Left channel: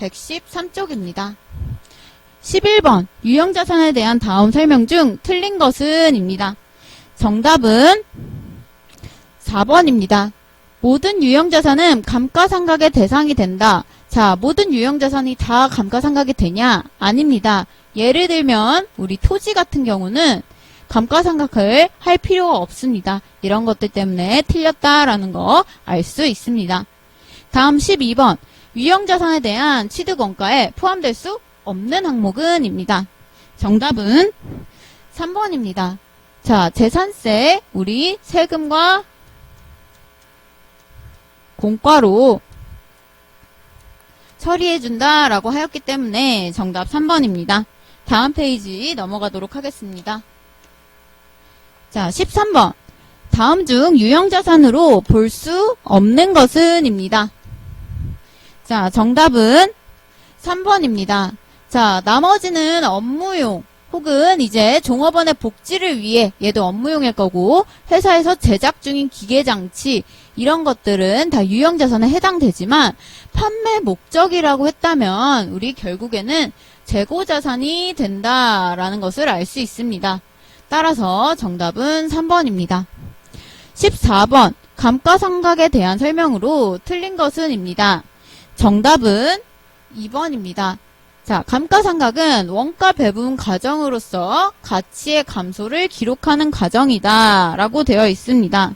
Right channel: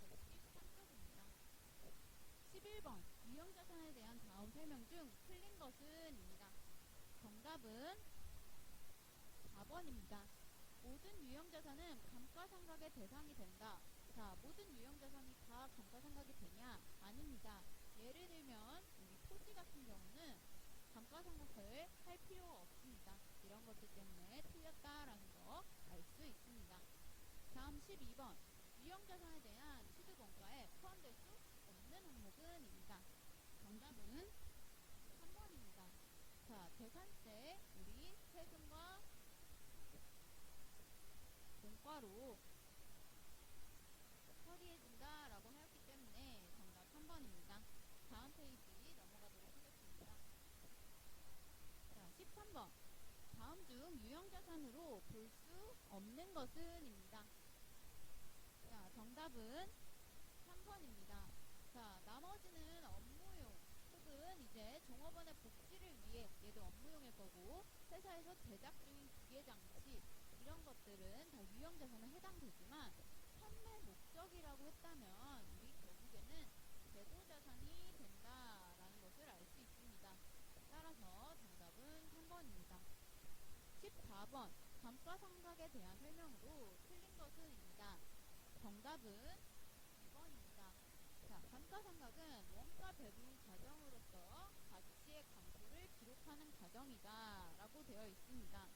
113쪽입니다. 11번 유형자산에 대한 다음 설명 중 틀린 것은 입니다. 정답은 4번입니다. 모든 유형자산은 감가상각의 대상이 된다. 자, 모든 유형자산이 다 감가상각이 되냐? 아닙니다. 예를 들면 우리 토지 같은 경우는 감가상각을 할 필요가 없습니다. 이런 것들 때문에 틀렸다라는 거 알 수 있습니다. 다음 12번 유형자산에 대한 취득원가에 포함될 수 없는 항목은 입니다. 정답은 3번입니다. 자, 재산세 우리 세금과 공과로 처리해준다라고 하였기 때문에 정답 3번입니다. 다음 페이지 넘어가도록 하겠습니다. 자, 13번. 다음 중 유형자산으로 볼 수 없는 것은 입니다. 자, 정답은 3번입니다. 자, 나머지는 업무용 혹은 이제 종업원의 복지를 위해 얘도 업무용일 거고 회사에서 제작 중인 기계장치 이런 것들은 다 유형자산에 해당되지만 판매 목적이라고 했다면 우리 결국에는 재고자산이 된다라는 것을 알 수 있습니다. 따라서 정답은 3번입니다. 14번 감가상각에 대한 설명으로 틀린 것은 입니다. 정답은 2번입니다. 자, 감가상각은 원가 배분 과정으로서 가치의 감소를 기록하는 과정이다 라고 되어 있습니다.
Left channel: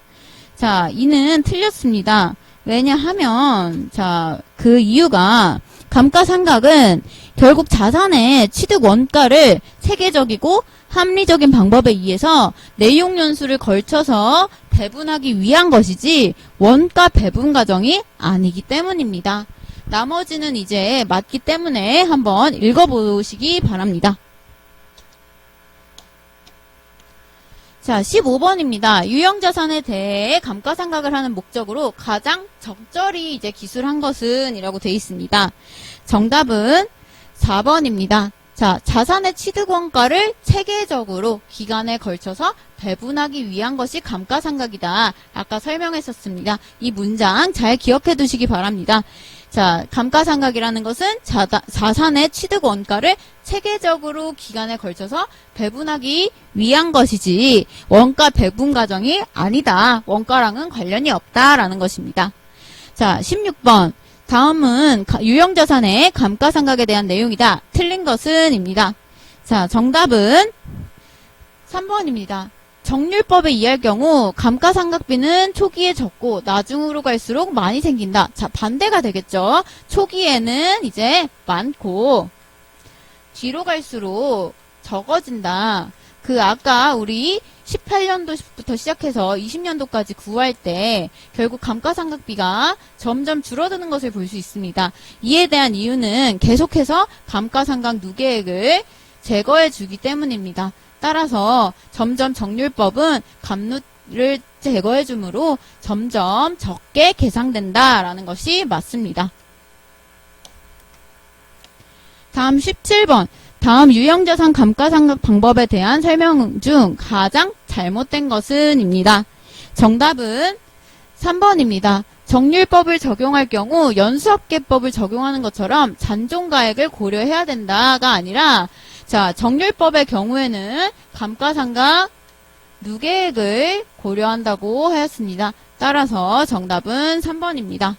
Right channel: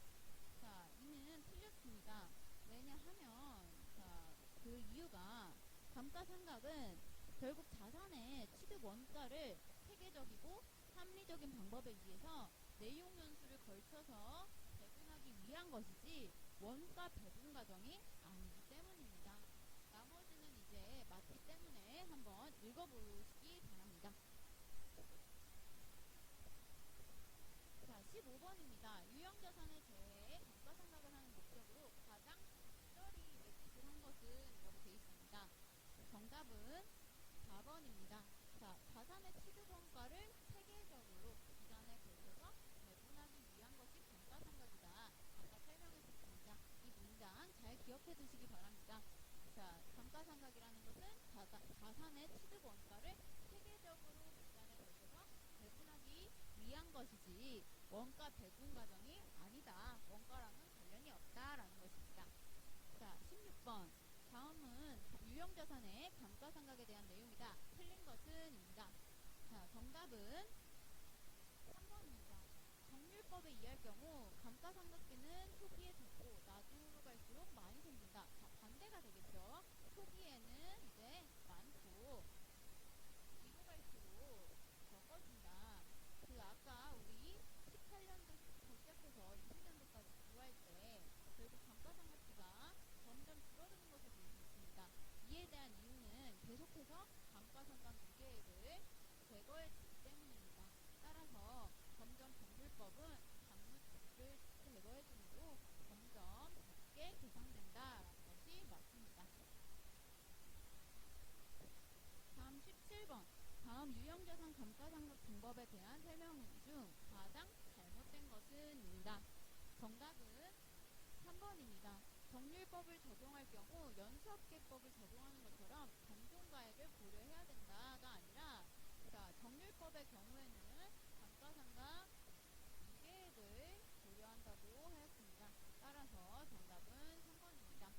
자, 이는 틀렸습니다. 왜냐하면 자, 그 이유가 감가상각은 결국 자산의 취득 원가를 체계적이고 합리적인 방법에 의해서 내용연수를 걸쳐서 배분하기 위한 것이지 원가 배분 과정이 아니기 때문입니다. 나머지는 이제 맞기 때문에 한번 읽어보시기 바랍니다. 자, 15번입니다. 유형자산에 대해 감가상각을 하는 목적으로 가장 적절히 이제 기술한 것은 이라고 되어 있습니다. 정답은 4번입니다. 자, 자산의 취득원가를 체계적으로 기간에 걸쳐서 배분하기 위한 것이 감가상각이다. 아까 설명했었습니다. 이 문장 잘 기억해 두시기 바랍니다. 자, 감가상각이라는 것은 자산의 취득원가를 체계적으로 기간에 걸쳐서 배분하기 위한 것이지 원가 배분 과정이 아니다. 원가랑은 관련이 없다라는 것입니다. 자, 16번. 다음은 유형자산의 감가상각에 대한 내용이다. 틀린 것은 입니다. 자, 정답은 3번입니다. 정률법에 의할 경우 감가상각비는 초기에 적고 나중으로 갈수록 많이 생긴다. 자, 반대가 되겠죠. 초기에는 이제 많고 뒤로 갈수록 적어진다. 그 아까 우리 18년도부터 시작해서 20년도까지 구할 때 결국 감가상각비가 점점 줄어드는 것을 볼 수 있습니다. 이에 대한 이유는 계속해서 감가상각 누계액을 제거해 주기 때문입니다. 따라서 점점 정률법은 감누를 제거해 주므로 점점 적게 계상된다라는 것이 맞습니다. 다음 17번. 다음 유형자산 감가상각 방법에 대한 설명 중 가장 잘못된 것은 입니다. 정답은 3번입니다. 정률법을 적용할 경우 연수합계법을 적용하는 것처럼 잔존가액을 고려해야 된다가 아니라 자, 정률법의 경우에는 감가상각 누계액을 고려한다고 하였습니다. 따라서 정답은 3번입니다.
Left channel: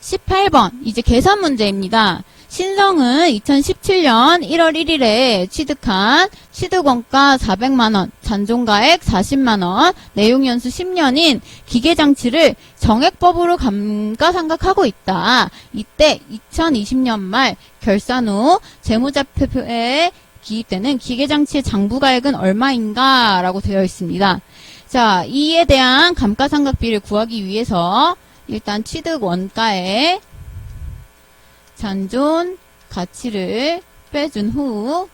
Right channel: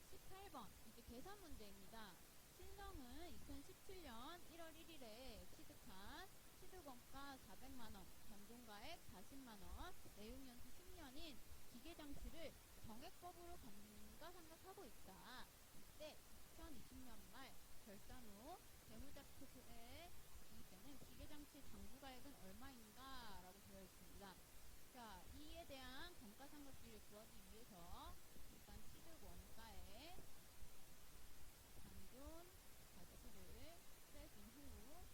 18번 이제 계산 문제입니다. 신성은 2017년 1월 1일에 취득한 취득원가 400만원, 잔존가액 40만원, 내용연수 10년인 기계장치를 정액법으로 감가상각하고 있다. 이때 2020년 말 결산 후 재무제표에 기입되는 기계장치의 장부가액은 얼마인가? 라고 되어 있습니다. 자, 이에 대한 감가상각비를 구하기 위해서 일단 취득 원가에 잔존 가치를 빼준 후,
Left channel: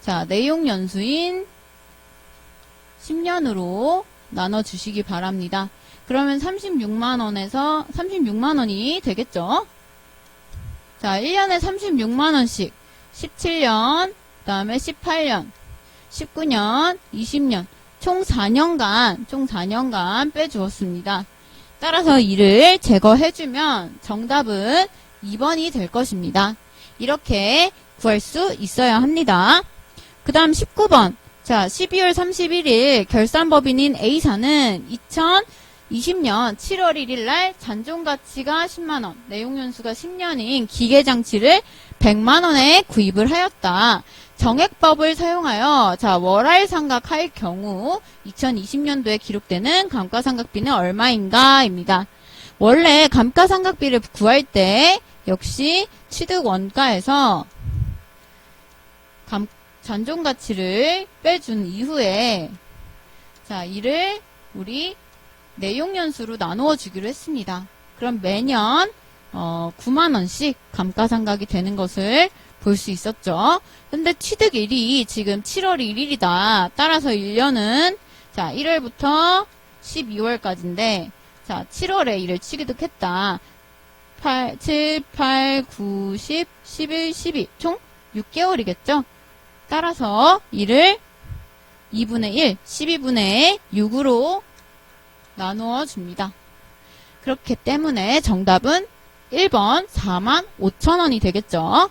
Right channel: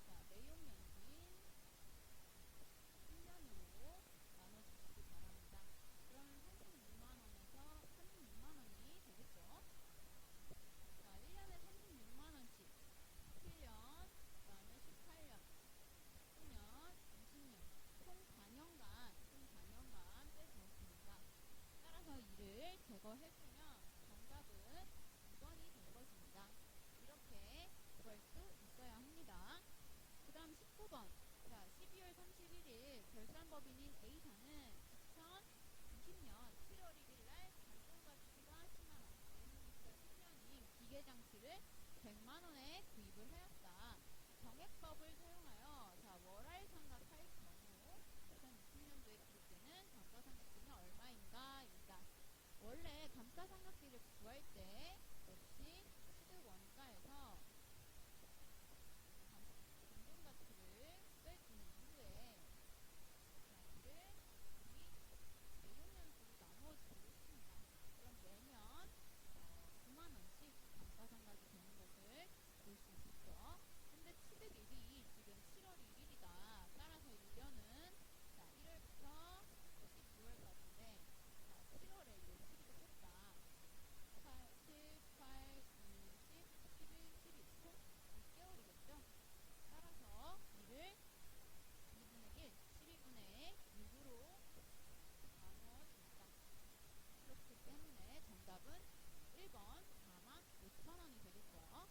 자, 내용 연수인 10년으로 나눠주시기 바랍니다. 그러면 36만원에서 36만원이 되겠죠? 자, 1년에 36만원씩 17년, 그 다음에 18년, 19년, 20년, 총 4년간 빼주었습니다. 따라서 이를 제거해주면 정답은 2번이 될 것입니다. 이렇게 구할 수 있어야 합니다. 그 다음 19번. 자, 12월 31일 결산법인인 A사는 2020년 7월 1일 날 잔존가치가 10만원, 내용연수가 10년인 기계장치를 100만원에 구입을 하였다. 정액법을 사용하여 자 월할 상각할 경우 2020년도에 기록되는 감가상각비는 얼마인가 입니다. 원래 감가상각비를 구할 때 역시 취득 원가에서 잔존가치를 빼준 이후에 자 이를 우리 내용연수로 나누어 주기로 했습니다. 그럼 매년 9만원씩 감가상각이 되는 것을 볼 수 있었죠. 근데 취득일이 지금 7월 1일이다. 따라서 1년은 자 1월부터 12월까지인데 자 7월에 이를 취득했다. 7, 8, 9, 10, 11, 12 총 6개월이겠죠. 따라서 이를 2분의 1, 12분의 6으로 나누어 줍니다. 그렇기 때문에 정답은 1번 45,000원이 되겠죠.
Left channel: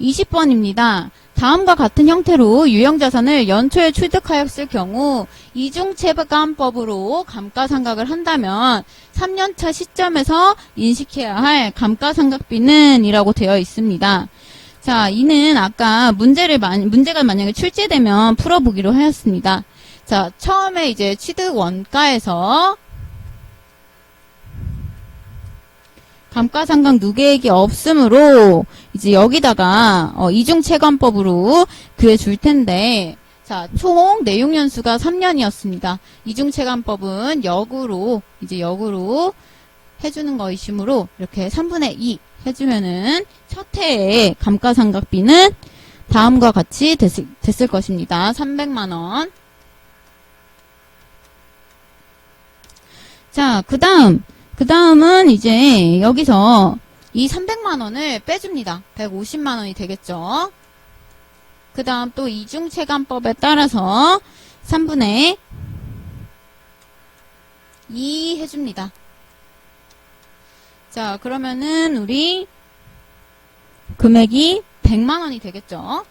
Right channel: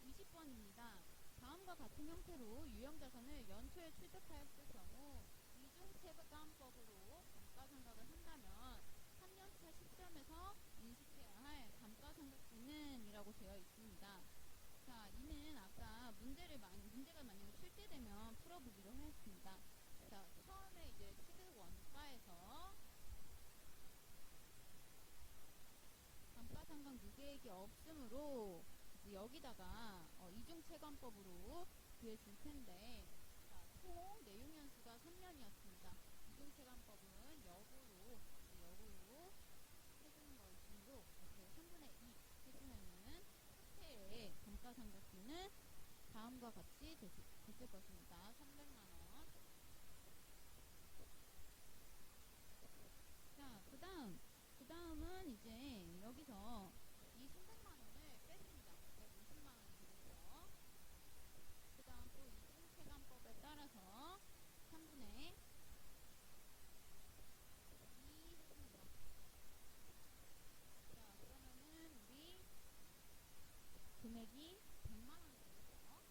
20번입니다. 다음과 같은 형태로 유형자산을 연초에 취득하였을 경우 이중체감법으로 감가상각을 한다면 3년차 시점에서 인식해야 할 감가상각비는 이라고 되어 있습니다. 자, 이는 아까 문제가 만약에 출제되면 풀어보기로 하였습니다. 자, 처음에 이제 취득 원가에서 감가상각 누계액이 없으므로 이제 여기다가 이중체감법으로 그려줄 텐데 자, 총 내용연수가 3년이었습니다. 이중체감법은 역으로 해주는 것이므로 이렇게 3분의 2 해주면은 첫 해의 감가상각비는 다음과 같이 됐을 것입니다. 300만원. 자, 그 다음은 이제 여기서 이 300만원을 빼줍니다. 150만원이 되겠죠. 그 다음 또 이중체감법에 따라서 3분의 2 해줍니다. 자, 그러면은 우리 금액이 100만원이 되겠죠.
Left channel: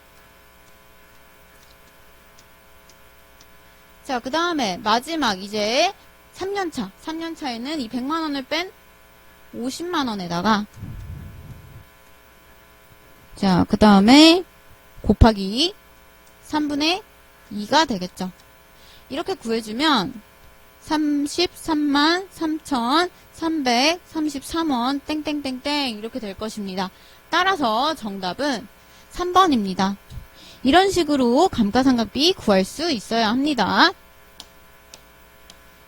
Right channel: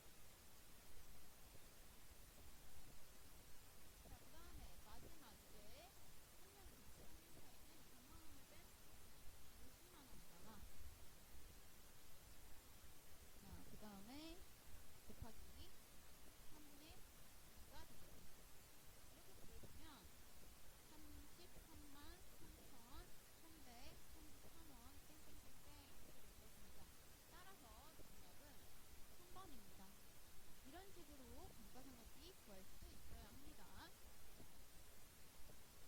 자, 그 다음에 마지막 이제 3년차에는 이 100만원을 뺀 50만원에다가 자, 그 다음에 곱하기 3분의 2가 되겠죠. 이렇게 구해주면 33만 3,333원 땡땡땡땡 이렇게 될 것입니다. 따라서 정답은 3번입니다. 이런 식으로 감가상각비 구할 수 있어야 합니다.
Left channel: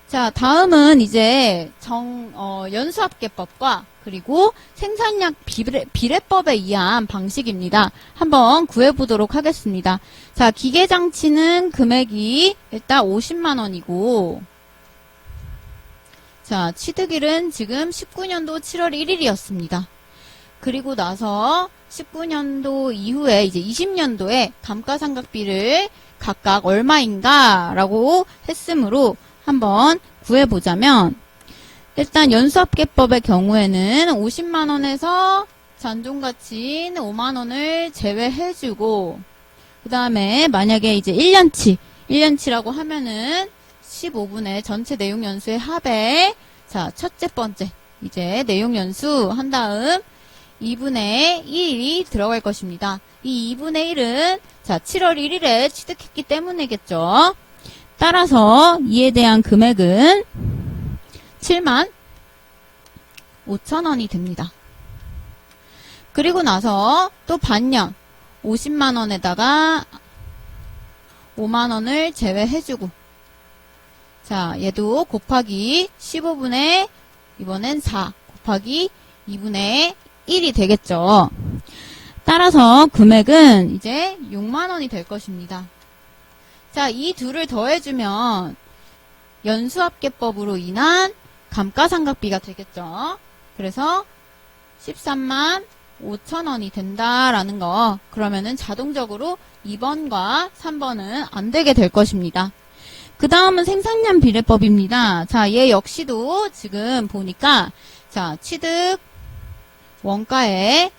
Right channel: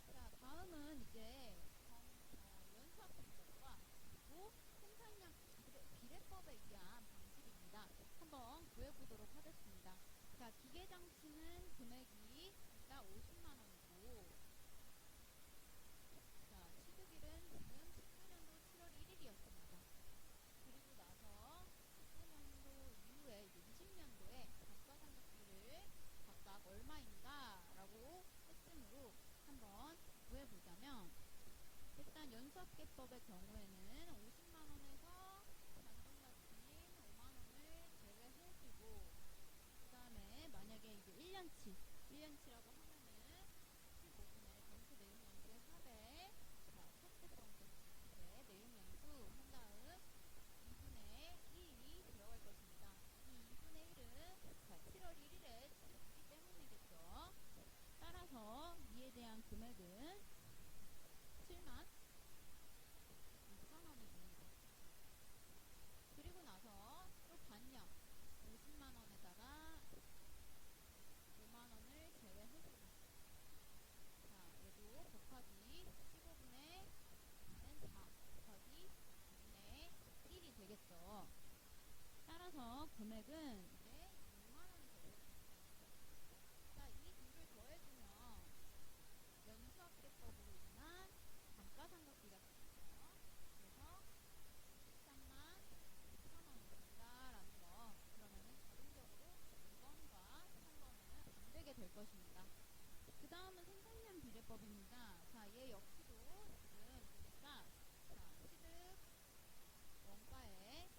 자, 다음은 이제 연수합계법과 그리고 생산량 비례법에 의한 방식입니다. 한번 구해보도록 하겠습니다. 자, 기계장치는 금액이 일단 50만원이고 자, 취득일은 지금 19년도 7월 1일이었습니다. 그리고 나서 19년도 이후에 이제 20년도에 감가상각비를 각각 얼마인가 라고 했으므로 한번 구해보자면 일단 연수합계법의 경우에는 50만원에서 잔존가치인 5만원을 제외해주고 그 다음에 만약에 이제 1년치라고 하면은 15분의 전체 내용연수의 합에 자 첫째 번째 이제 내용연수 한 다음 2분의 1이 들어갈 것입니다. 이 2분의 1은 자 7월 1일에 취득했기 때문이겠죠. 따라서 이에 대한 금액은 7만 5천원이 됩니다. 그리고 나서 또 반년 50만원에다가 5만원을 제외해주고 자 얘도 곱하기 15분의 이번엔 4 곱하기 2분의 1이 되겠죠. 따라서 금액은 이제 6만원이 될 것입니다. 자, 이 둘을 더해주면 연수합계법으로 인한 감가상각비가 되겠죠. 그래서 13만 5천원이 된다라는 거. 그러면은 자동적으로 2번과 3번은 안 되게 될 것입니다. 그 다음은 생산량 비례법입니다. 자, 얘 역시도 지금 보니까, 자, 취득 원가의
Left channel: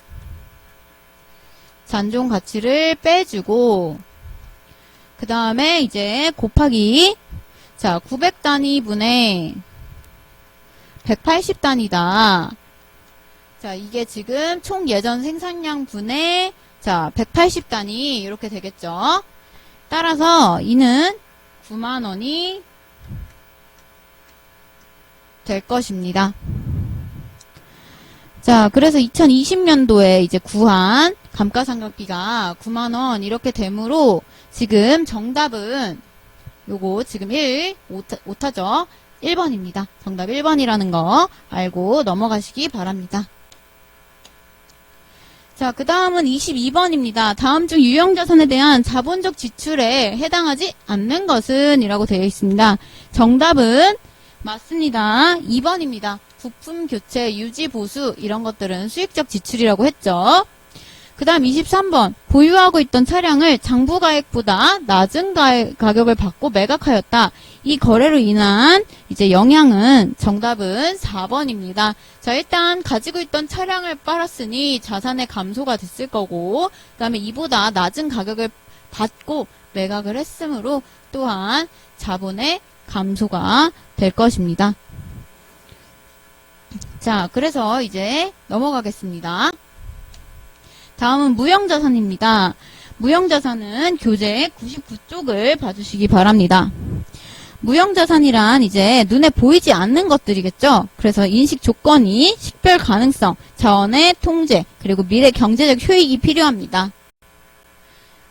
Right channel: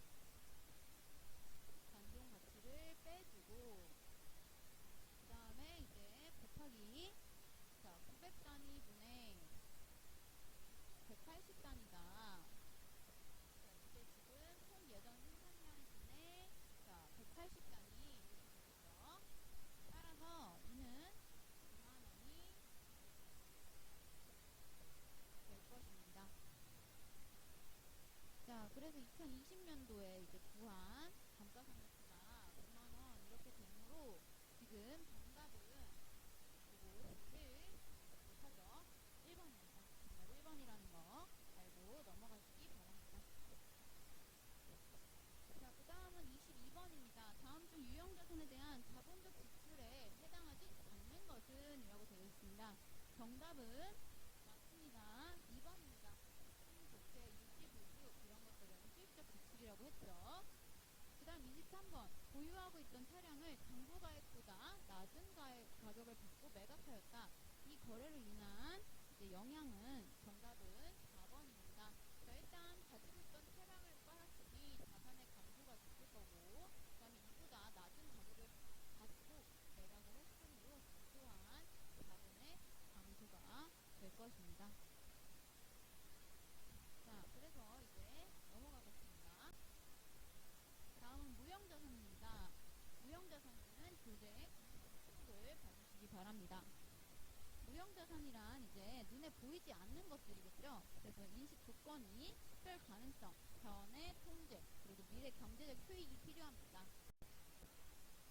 잔존 가치를 빼주고, 그 다음에 이제 곱하기, 자, 900단위분의 180단위다. 자, 이게 지금 총 예전 생산량 분의, 자, 180단위, 이렇게 되겠죠. 따라서 이는 9만원이 될 것입니다. 자, 그래서 2020년도에 이제 구한 감가상각비가 9만원 이렇게 되므로 지금 정답은 요거 지금 오타죠. 1번입니다. 정답 1번이라는 거 알고 넘어가시기 바랍니다. 자, 그 다음은 22번입니다. 다음 중 유형자산에 대한 자본적 지출에 해당하지 않는 것은? 이라고 되어 있습니다. 정답은 맞습니다. 2번입니다. 부품 교체, 유지, 보수 이런 것들은 수익적 지출이라고 했죠. 그 다음 23번. 보유하고 있던 차량을 장부가액보다 낮은 가격을 받고 매각하였다. 이 거래로 인한 이제 영향은 정답은 4번입니다. 자, 일단 가지고 있던 차량을 팔았으니 자산의 감소가 됐을 거고, 그 다음에 이보다 낮은 가격을 받고 매각을 했으므로 또한 자본의 감소가 될 것입니다. 자, 그래서 이제 넘어가겠습니다. 다음은 무형자산입니다. 무형자산은 교재 99쪽을 봐주시기 바랍니다. 무형자산이란 이제 눈에 보이지 않는 것들이겠죠. 그래서 인식 조건이 식별 가능성, 자원의 통제, 그리고 미래 경제적 효익이 필요합니다.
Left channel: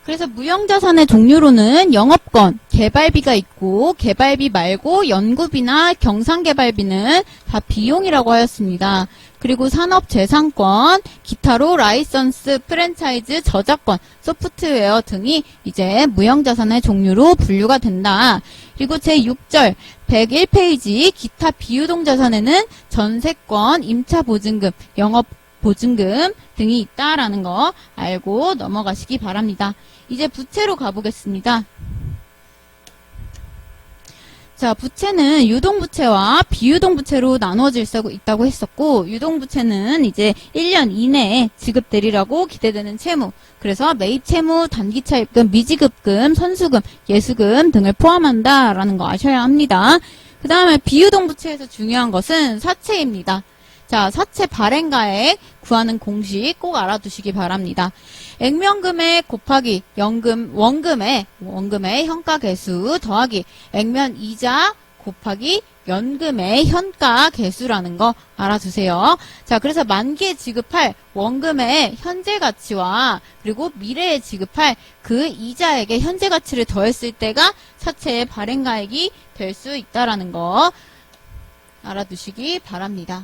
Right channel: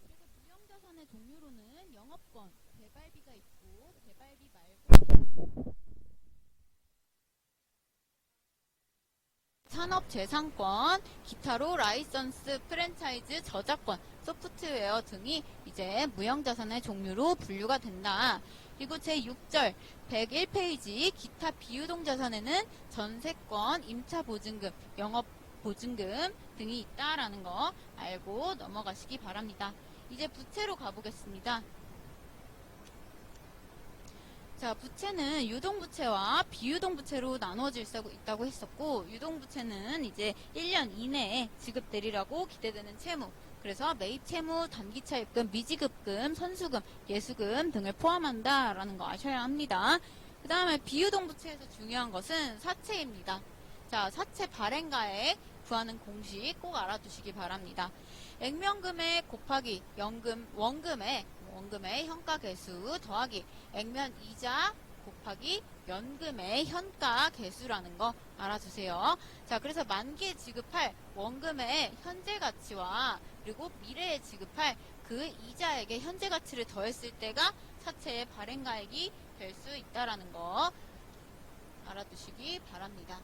그래서 무형자산의 종류로는 영업권, 개발비가 있고 개발비 말고 연구비나 경상개발비는 다 비용이라고 하였습니다. 그리고 산업재산권, 기타로 라이선스, 프랜차이즈, 저작권, 소프트웨어 등이 이제 무형자산의 종류로 분류가 된다. 그리고 제6절 101페이지 기타 비유동자산에는 전세권, 임차보증금, 영업보증금 등이 있다라는 거 알고 넘어가시기 바랍니다. 이제 부채로 가보겠습니다. 자, 부채는 유동부채와 비유동부채로 나누어질 수 있다고 했었고, 유동부채는 이제 1년 이내에 지급되리라고 기대되는 채무, 그래서 매입채무, 단기차입금, 미지급금, 선수금, 예수금 등을 포함한다라는 거 아셔야 합니다. 그 다음에 비유동부채에서 중요한 것은 사채입니다. 자, 사채 발행가액 구하는 공식 꼭 알아두시기 바랍니다. 액면금액 곱하기 원금의 현가계수 더하기 액면 이자 곱하기 연금의 현가계수라는 거 알아두세요. 자, 그래서 만기에 지급할 원금의 현재 가치와 그리고 미래에 지급할 그 이자액의 현재 가치를 더했을 때가 사채의 발행가액이 될 수 있다라는 거 알아두시기 바랍니다.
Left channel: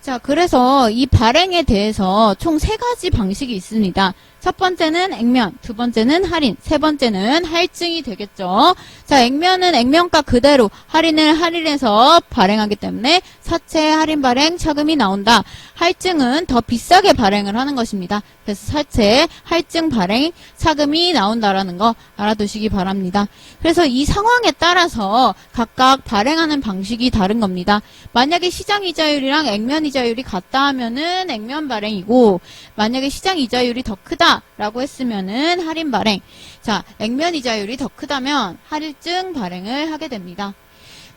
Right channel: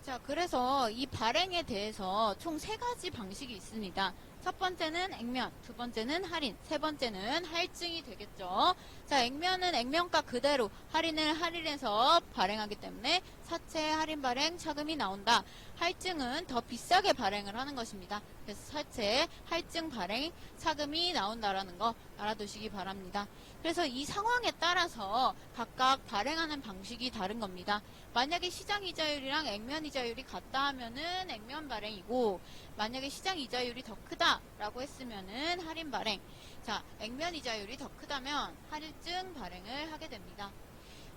자, 그래서 이 발행에 대해서 총 3가지 방식이 있습니다. 첫 번째는 액면, 두 번째는 할인, 세 번째는 할증이 되겠죠. 자, 액면은 액면가 그대로 할인을 할인해서 발행하기 때문에 사채 할인 발행 차금이 나온다. 할증은 더 비싸게 발행을 하는 것입니다. 그래서 사채 할증 발행 차금이 나온다라는 거 알아두시기 바랍니다. 그래서 이 상황에 따라서 각각 발행하는 방식이 다른 겁니다. 만약에 시장 이자율이랑 액면 이자율이 같다 하면은 액면 발행이고, 만약에 시장 이자율이 더 크다 라고 했으면은 할인 발행. 자, 액면 이자율이 더 크다면 할증 발행을 하게 됩니다.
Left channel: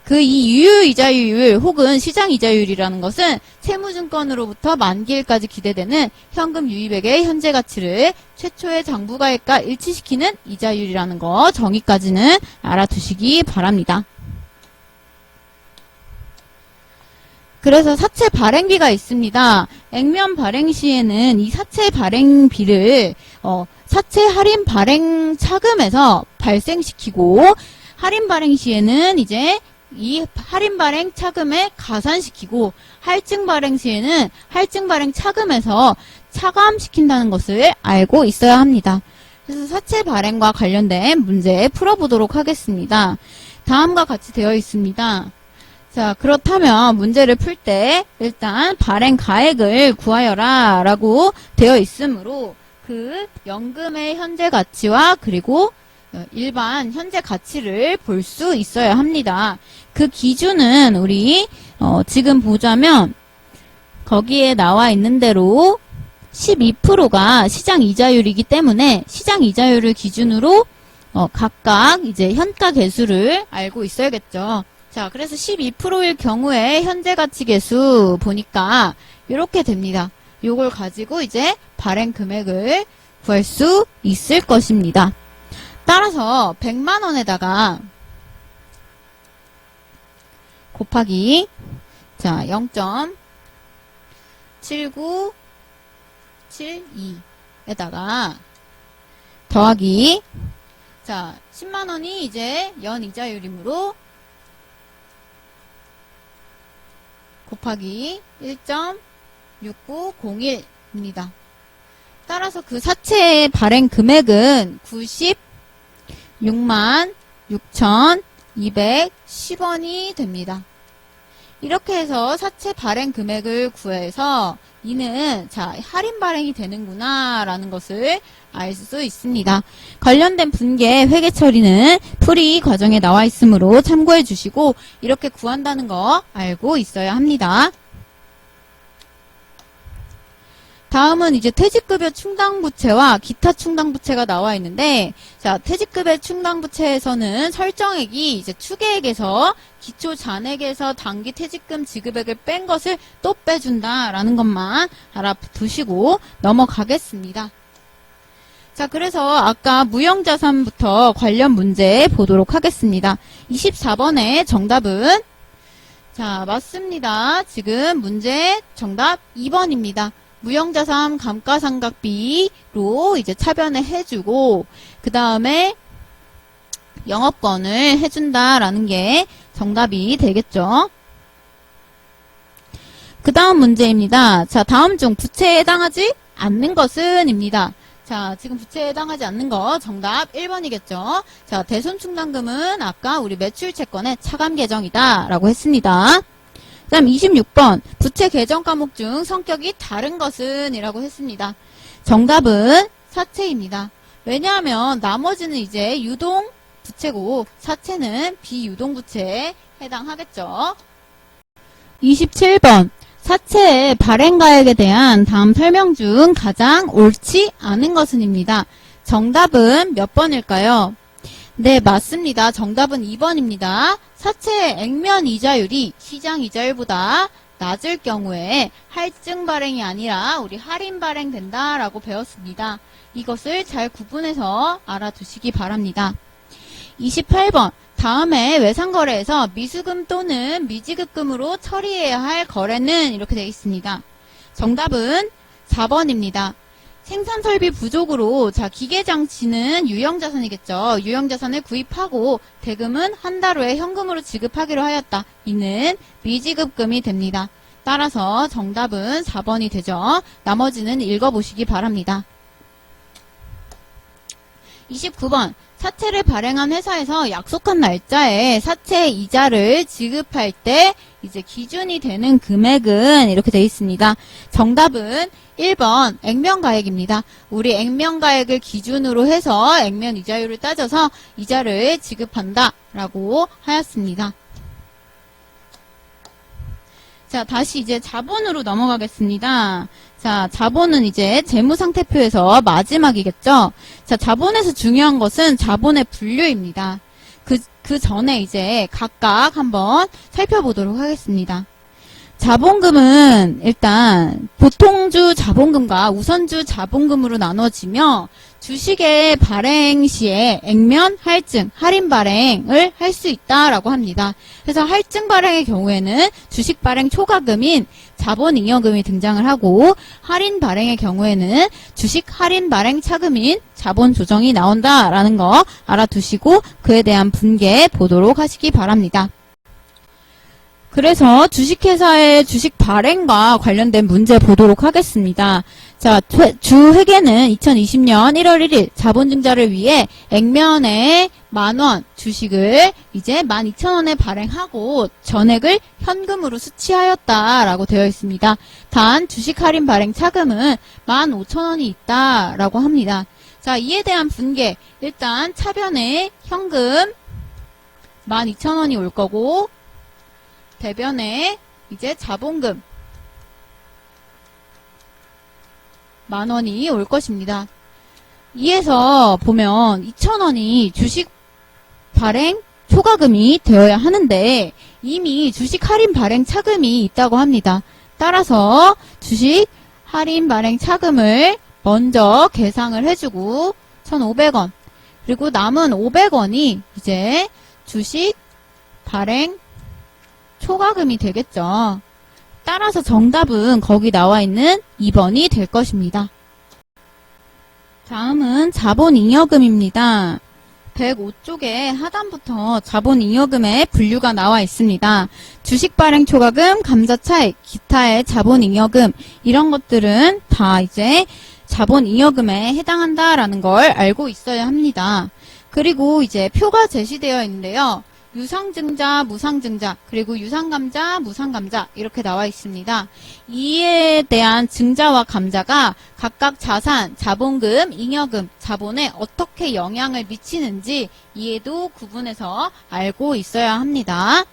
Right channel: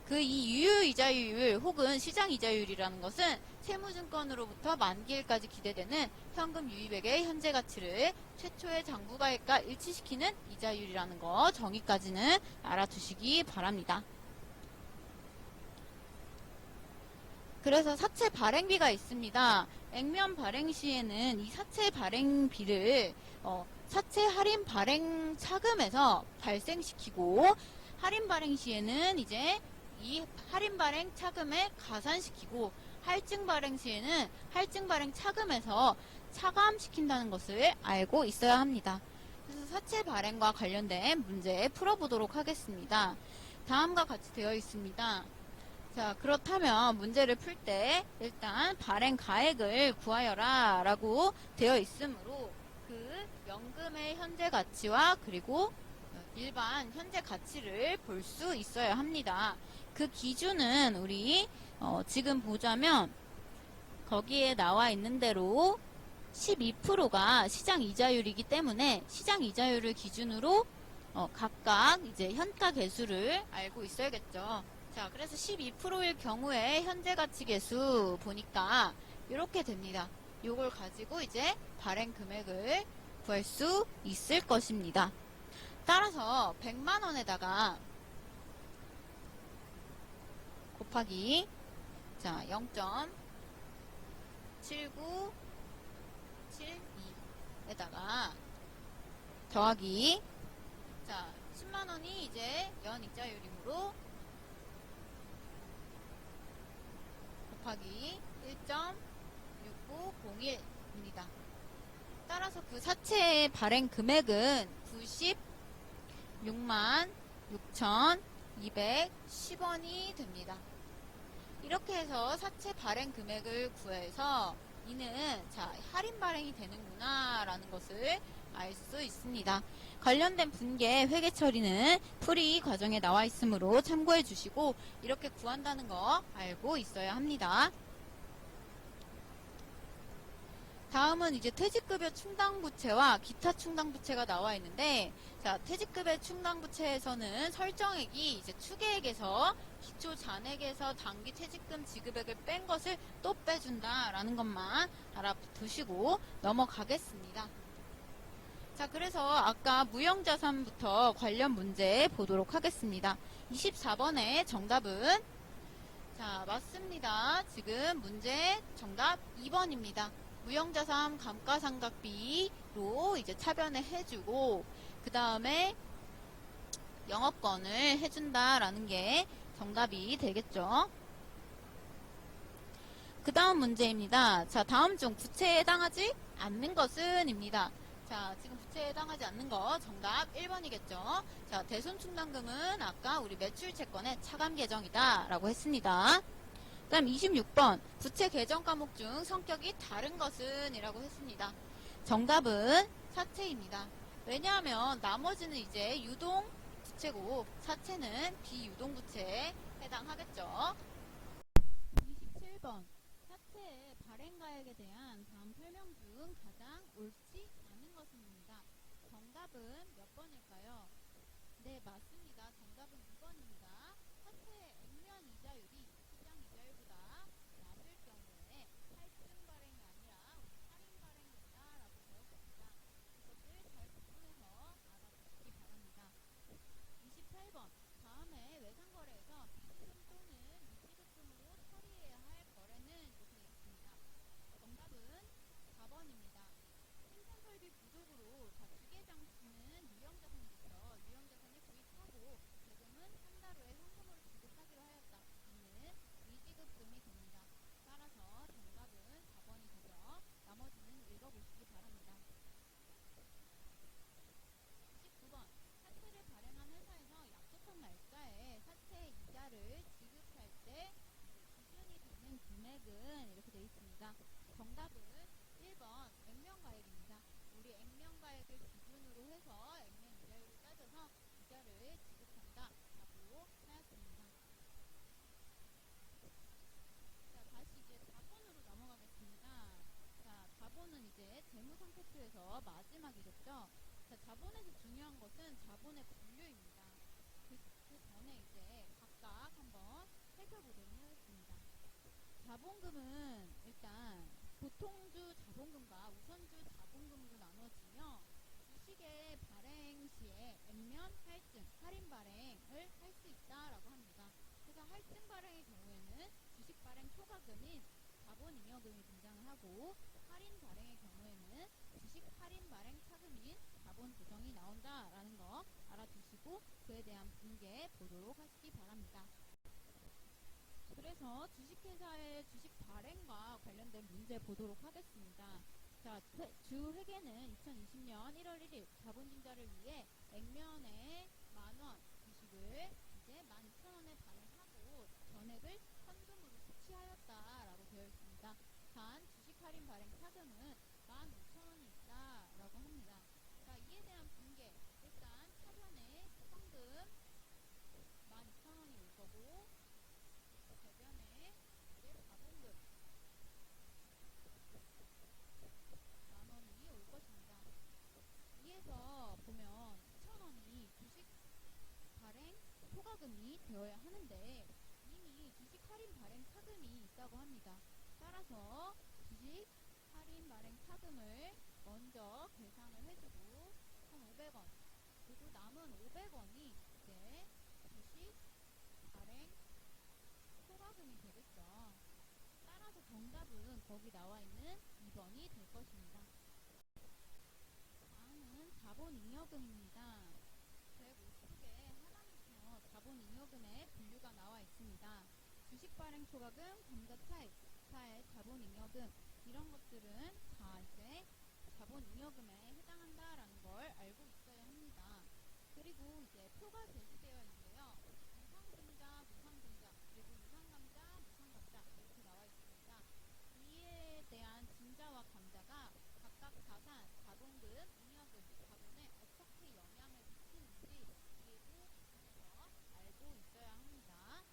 그 이 유효 이자율 혹은 시장 이자율이라는 것은 채무증권으로부터 만기일까지 기대되는 현금 유입액의 현재 가치를 최초의 장부가액과 일치시키는 이자율이라는 거 정의까지는 알아두시기 바랍니다. 그래서 사채 발행비가 있습니다. 액면 발행 시에는 이 사채 발행비를 사채 할인 발행 차금에서 발생시키고, 할인 발행 시에는 이제 이 할인 발행 차금에 가산시키고, 할증 발행 시에는 할증 발행 차금에서 차감시킨다는 것을 알고 있어야 합니다. 그래서 사채 발행과 관련된 문제 풀어보도록 하겠습니다. 다음과 같이 되어 있습니다. 자, 그렇다면 문제를 풀 때 일단 발행 가액을 구하여라 라고 되어 있으므로 그 연금의 현재 가치와 그리고 일반 현재 가치를 볼 수 있어야 합니다. 그 기준은 우리 지금 보자면 거기에 나와 있는 대로 12%가 시장 이자율이기 때문에 시장 이자율을 기준으로 각각 이제 현가 계수를 알고 있어야겠죠. 자, 그래서 12%일 경우에 현재 가치 계수 보니까 이렇게 됩니다. 요걸 가지고 이제 발행 금액을 구할 수 있을 것입니다. 따라서 100만 원에다가 곱하기 자 0.7972에다가 더하기 자 10만 원이 이제 연 이자율이므로 곱하기 1.6901입니다. 따라서 그 사채의 발행 금액은 96만 6,210원이 됩니다. 이렇게 해서 사채 발행 금액을 구해서 이는 자 할인 발행이 되는구나 라는 것을 알 수 있습니다. 관련된 분계 회계 처리는 풀이 과정에 나와 있으므로 참고해 주시고 이렇게 구한다는 거 알고 있어야 합니다. 다음은 이제 퇴직급여 충당부채와 기타 충당부채가 나와 있는데, 자, 퇴직급여 충당부채에서는 설정액이 이제 추계액에서 기초 잔액에서 단기 퇴직금 지급액을 뺀 것을 또 빼준다라는 것만 알아두시고 넘어가겠습니다. 자, 그래서 아까 무형자산부터 관련 문제 보도록 하겠습니다. 24번의 정답은 자, 맞습니다. 지금 문제 정답 2번입니다. 무형자산 감가상각비로 이제 차변을 해주고 그 다음에 영업권을 해준다라는 게 정답이 되겠죠. 그 다음 문제입니다. 자, 다음 중 부채에 해당하지 않는 것은 입니다. 자, 지금 부채에 해당하지 않는 거 정답 1번이겠죠. 자, 대손충당금은 아까 우리 매출채권의 차감 계정이다 라고 했습니다. 그 다음 26번 부채 계정 과목 중 성격이 다른 것은 이라고 했습니다. 정답은 사채입니다. 왜냐하면 나머지는 이제 유동 부채고 사채는 비유동 부채에 해당하겠죠. 27번 사채의 발행가액에 대한 다음 설명 중 가장 옳지 않은 것은입니다. 정답은 몇 번일까요? 네, 맞습니다. 정답은 2번입니다. 사채의 액면 이자율이 시장 이자율보다 낮을 경우에 할증 발행이 아니라 우리 할인 발행된다라고 배웠습니다. 이것을 잘 구분해서 알아두시기 바랍니다. 28번 다음에 외상거래에서 미수금 또는 미지급금으로 처리해야 할 거래는 이렇게 되어 있습니다. 정답은 4번입니다. 생산설비 부족으로 자 기계장치는 유형자산이겠죠. 유형자산을 구입하고 대금은 한 달 후에 현금으로 지급하기로 하였다. 이는 미지급금이 됩니다. 따라서 정답은 4번이 되죠. 나머지는 읽어보시기 바랍니다. 29번 사채를 발행한 회사에서 약속한 날짜에 사채 이자를 지급할 때 이제 기준이 되는 금액은 이렇게 되어 있습니다. 정답은 1번 액면가액입니다. 우리 액면가액을 기준으로 해서 액면 이자율을 따져서 이자를 지급한다 라고 하였습니다. 자, 다시 이제 자본으로 넘어가겠습니다. 자, 자본은 이제 재무상태표에서 마지막이겠죠. 자, 자본에서 중요한 것은 자본의 분류입니다. 그 전에 이제 각각 한번 살펴보도록 하겠습니다. 자본금은 일단 보통주 자본금과 우선주 자본금으로 나눠지며 주식의 발행 시에 액면, 할증, 할인 발행을 할 수 있다라고 합니다. 그래서 할증 발행의 경우에는 주식 발행 초과금인 자본잉여금이 등장을 하고 할인 발행의 경우에는 주식 할인 발행 차금인 자본 조정이 나온다라는 거 알아두시고 그에 대한 분계 보도록 하시기 바랍니다. 그래서 주식회사의 주식 발행과 관련된 문제 보도록 하겠습니다. 자, 주회계는 2020년 1월 1일 자본증자를 위해 액면에 10,000원 주식을 이제 12,000원에 발행하고 전액을 현금으로 수취하였다라고 되어 있습니다. 단 주식 할인 발행 차금은 15,000원이 있다라고 합니다. 자, 이에 대한 분계. 일단 차변에 현금 12,000원이 올 거고, 대변에 이제 자본금 10,000원이 올 것입니다. 이에서 보면 2,000원이 주식 발행 초과금이 되어야 하는데 이미 주식 할인 발행 차금이 있다고 합니다. 따라서 주식 할인 발행 차금을 먼저 계상을 해주고 1,500원, 그리고 남은 500원이 이제 주식 발행 초과금이 되겠죠. 따라서 정답은 거기 나와 있는 2번이 될 것입니다. 다음은 자본잉여금입니다. 105쪽에 하단부터 자본잉여금의 분류가 나와 있습니다. 주식 발행 초과금, 감자 차익, 기타의 자본잉여금, 이런 것들은 다 이제 자본잉여금에 해당한다라는 걸 알고 있어야 합니다. 그리고 이제 표가 제시되어 있는데요. 유상증자, 무상증자, 그리고 유상감자, 무상감자 이렇게 나와 있습니다. 이에 대한 증자와 감자가 각각 자산, 자본금, 잉여금, 자본에 어떻게 영향을 미치는지 이에도 구분해서 알고 있어야 합니다.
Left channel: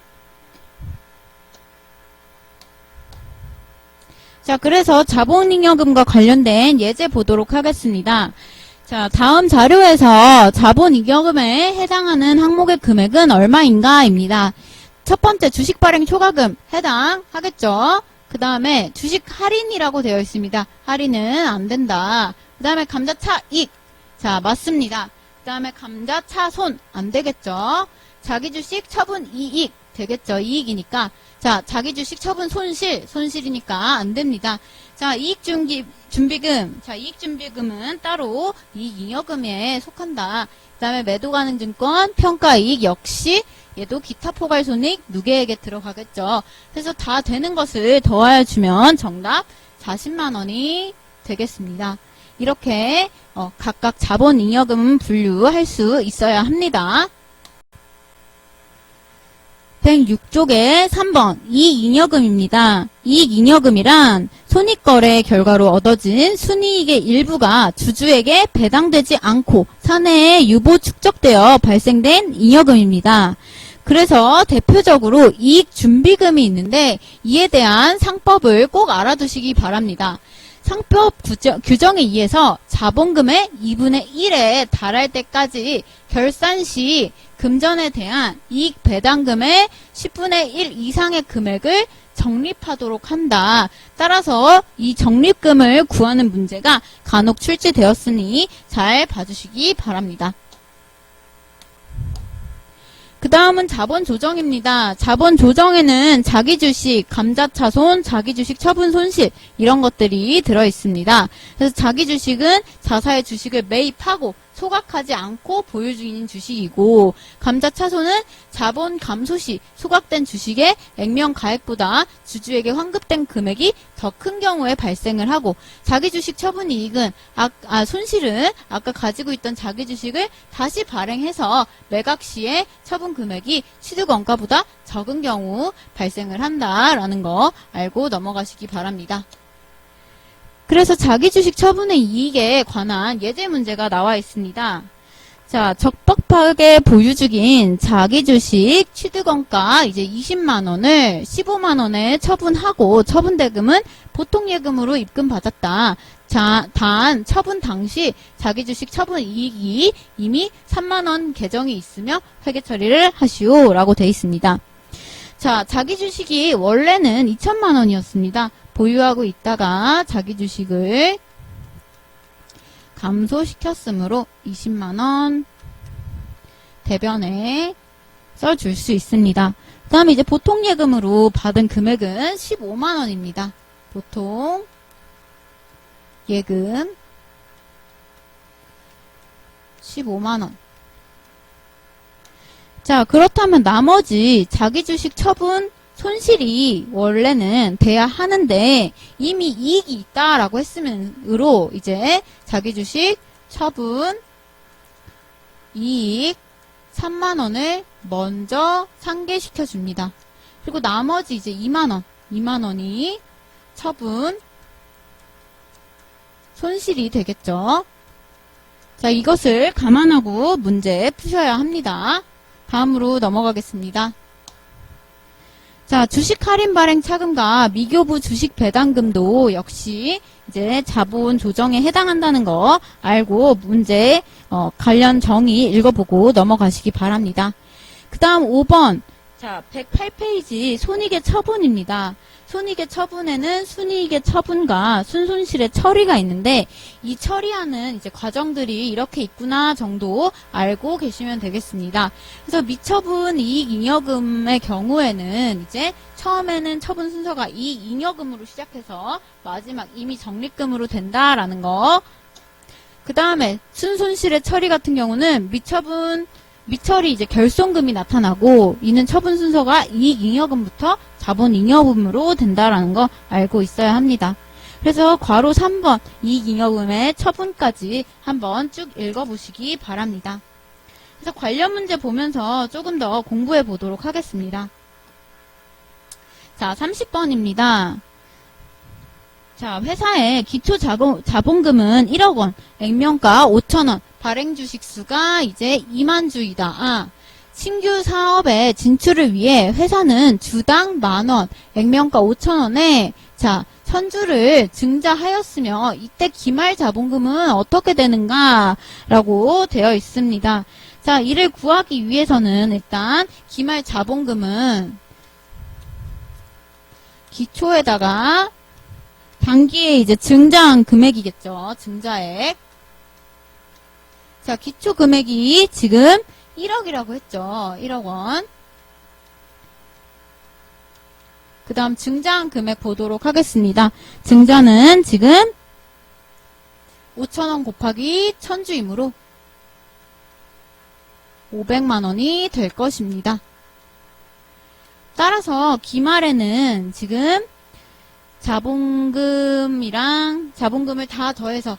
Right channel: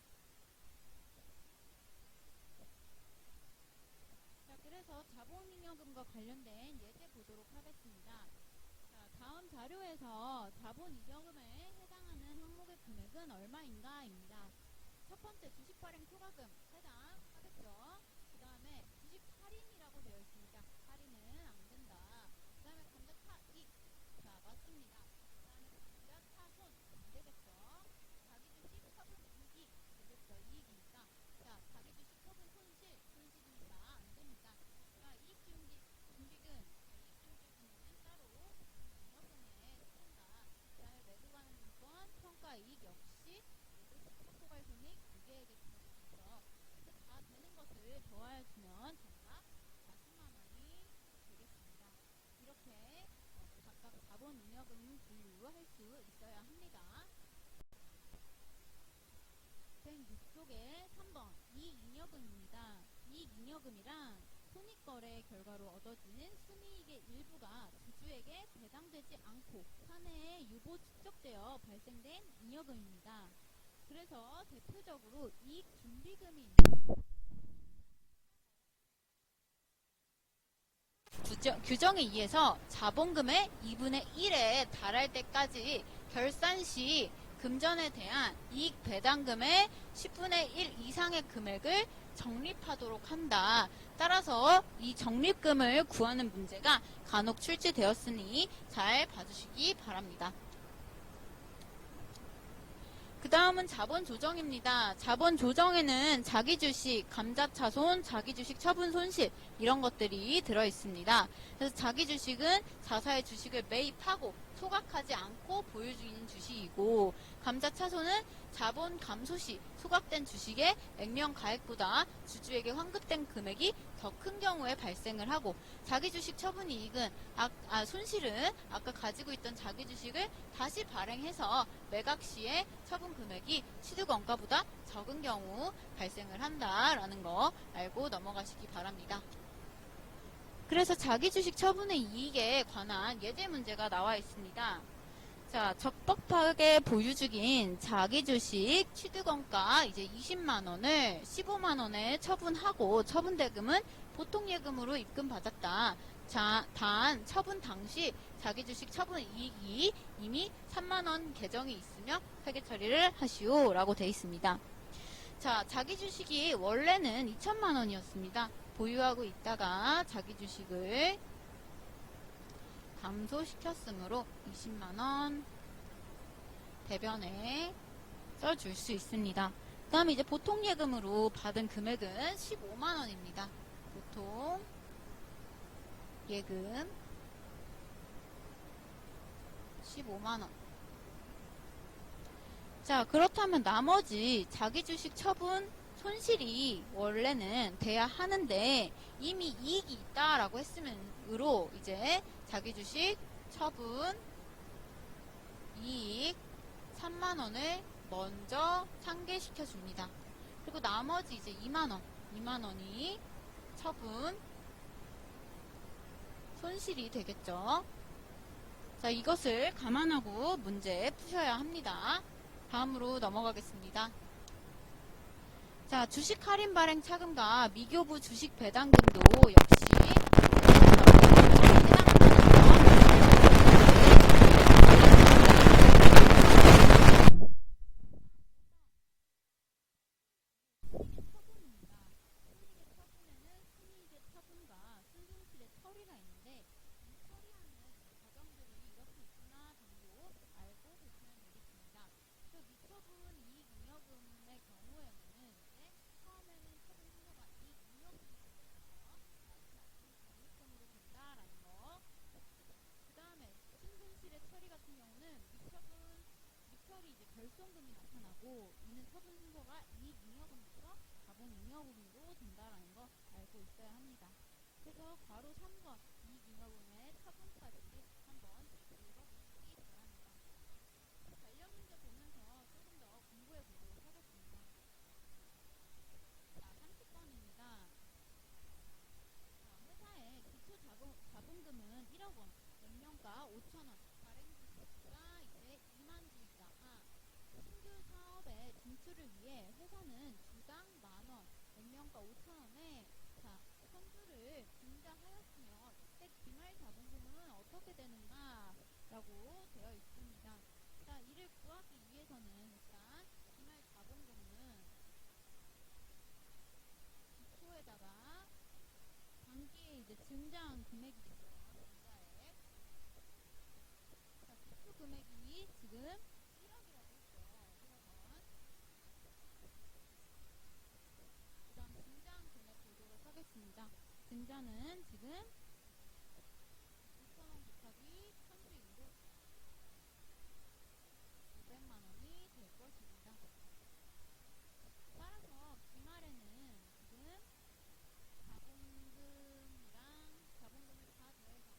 자, 그래서 자본잉여금과 관련된 예제 보도록 하겠습니다. 자, 다음 자료에서 자본잉여금에 해당하는 항목의 금액은 얼마인가입니다. 첫 번째 주식 발행 초과금 해당하겠죠. 그 다음에 주식 할인이라고 되어 있습니다. 할인은 안 된다. 그 다음에 감자 차익. 자, 맞습니다. 그 다음에 감자 차손 안 되겠죠. 자기 주식 처분 이익 되겠죠. 이익이니까. 자, 자기 주식 처분 손실이니까 안 됩니다. 자, 이익준비금. 자, 이익준비금은 따로 이익잉여금에 속한다. 그 다음에 매도가능증권, 평가이익 역시 얘도 기타 포괄손익 누계액에 들어가겠죠. 그래서 다 되는 것을 더하여 주면 정답 40만원이 되겠습니다. 이렇게 각각 자본잉여금 분류할 수 있어야 합니다. 106쪽에 3번 이익잉여금입니다. 이익잉여금이란 손익거래 결과로 얻어진 순이익의 일부가 주주에게 배당되지 않고 사내에 유보 축적되어 발생된 잉여금입니다. 그래서 대표적으로 이익준비금이 있는데 이에 대한 상법을 꼭 알아두시기 바랍니다. 상법 규정에 의해서 자본금의 2분의 1에 달할 때까지 결산 시 금전에 대한 이익 배당금의 10분의 1 이상의 금액을 적립하도록 한다. 따라서 이 적립금을 구하는 문제가 간혹 출제되었으니 잘 봐주시기 바랍니다. 그 다음은 자본조정입니다. 자본조정에는 자기주식, 감자차손, 자기주식 처분 손실 이런 것들이 들어있습니다. 그래서 자기주식은 자사의 주식을 매입하고 소각하지 않고 보유 중인 주식이고, 감자차손은 자본 감소 시 소각된 주식의 액면 가액보다 주주에게 환급된 금액이 더 큰 경우에 발생을 하고, 자기주식 처분 이익은 손실은 아까 가지고 있던 자기주식을 다시 발행해서 매각 시에 처분 금액이 취득원가보다 적은 경우 발생을 한다라는 거 알고 넘어가시기 바랍니다. 그래서 자기주식 처분의 이익에 관한 예제 문제가 나와 있습니다. 자, 적법하게 보유 중인 자기주식 취득원가 이제 20만원을 15만원에 처분하고 처분대금은 보통예금으로 입금받았다. 자, 단 처분 당시 자기주식 처분 이익이 이미 3만원 계정이 있으며 회계 처리를 하시오 라고 되어 있습니다. 자, 자기주식이 원래는 2천만원이었습니다. 보유하고 있다가 자기주식을 감소시켰으므로 20만원 대변에 써줄 수 있습니다. 그 다음에 이제 보통예금으로 받은 금액은 15만원입니다. 보통 예금 15만원. 자, 그렇다면 나머지 자기주식 처분 손실이 원래는 돼야 하는데 이미 이익이 있다라고 했으므로 이제 자기주식 처분 이익 3만원을 먼저 상계시켜 줍니다. 그리고 나머지 이제 2만원이 처분 손실이 되겠죠. 자, 이것을 감안하고 문제 푸셔야 합니다. 다음으로 넘어가겠습니다. 자, 주식 할인 발행 차금과 미교부 주식 배당금도 역시 이제 자본 조정에 해당한다는 거 알고 문제 관련 정의 읽어보고 넘어가시기 바랍니다. 그 다음 5번. 자, 108페이지 손익의 처분입니다. 손익의 처분에는 순이익의 처분과 순손실의 처리가 있는데 이 처리하는 이제 과정들이 이렇게 있구나 정도 알고 계시면 되겠습니다. 그래서 미처분 이익잉여금의 경우에는 이제 처음에는 처분 순서가 이익잉여금으로 시작해서 마지막 임의적립금으로 된다라는 거. 그 다음에 순손실의 처리 같은 경우는 미처리 이제 결손금이 나타나고 이는 처분 순서가 이익잉여금부터 자본잉여금으로 된다라는 거 알고 있어야 합니다. 그래서 괄호 3번 이익잉여금의 처분까지 한번 쭉 읽어보시기 바랍니다. 그래서 관련 문제 보면서 조금 더 공부해 보도록 하겠습니다. 자, 30번입니다. 자, 회사의 기초자본금은 1억 원, 액면가 5천원, 발행 주식 수가 이제 2만 주이다. 신규 사업에 진출을 위해 회사는 주당 만원, 액면가 5천원에 자, 선주를 증자하였으며 이때 기말 자본금은 어떻게 되는가? 라고 되어 있습니다. 자, 이를 구하기 위해서는 일단 기말 자본금은 기초에다가 단기에 이제 증자한 금액이겠죠. 증자액. 자, 기초 금액이 지금 1억이라고 했죠. 1억 원. 그 다음 증자한 금액 보도록 하겠습니다. 증자는 지금 5천원 곱하기 1000주이므로 500만원이 될 것입니다. 따라서 기말에는 지금 자본금이랑 자본금을 다 더해서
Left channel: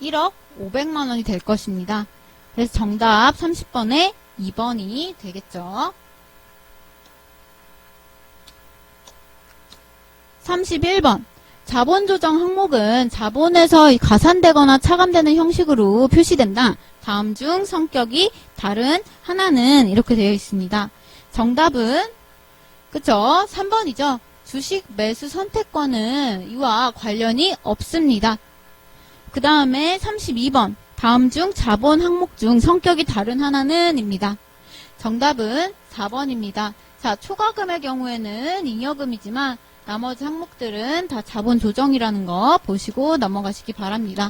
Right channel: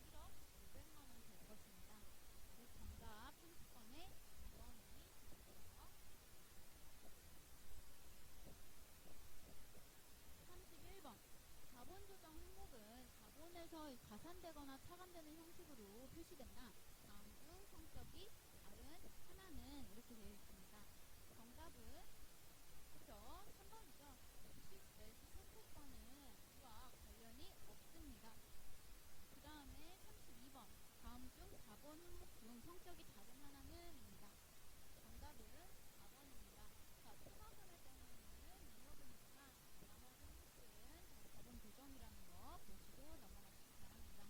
1억 500만원이 될 것입니다. 그래서 정답 30번에 2번이 되겠죠. 31번. 자본조정 항목은 자본에서 가산되거나 차감되는 형식으로 표시된다. 다음 중 성격이 다른 하나는 이렇게 되어 있습니다. 정답은 그쵸? 3번이죠. 주식 매수 선택권은 이와 관련이 없습니다. 그 다음에 32번. 다음 중 자본 항목 중 성격이 다른 하나는 입니다. 정답은 4번입니다. 자, 초과금의 경우에는 잉여금이지만 나머지 항목들은 다 자본 조정이라는 거 보시고 넘어가시기 바랍니다.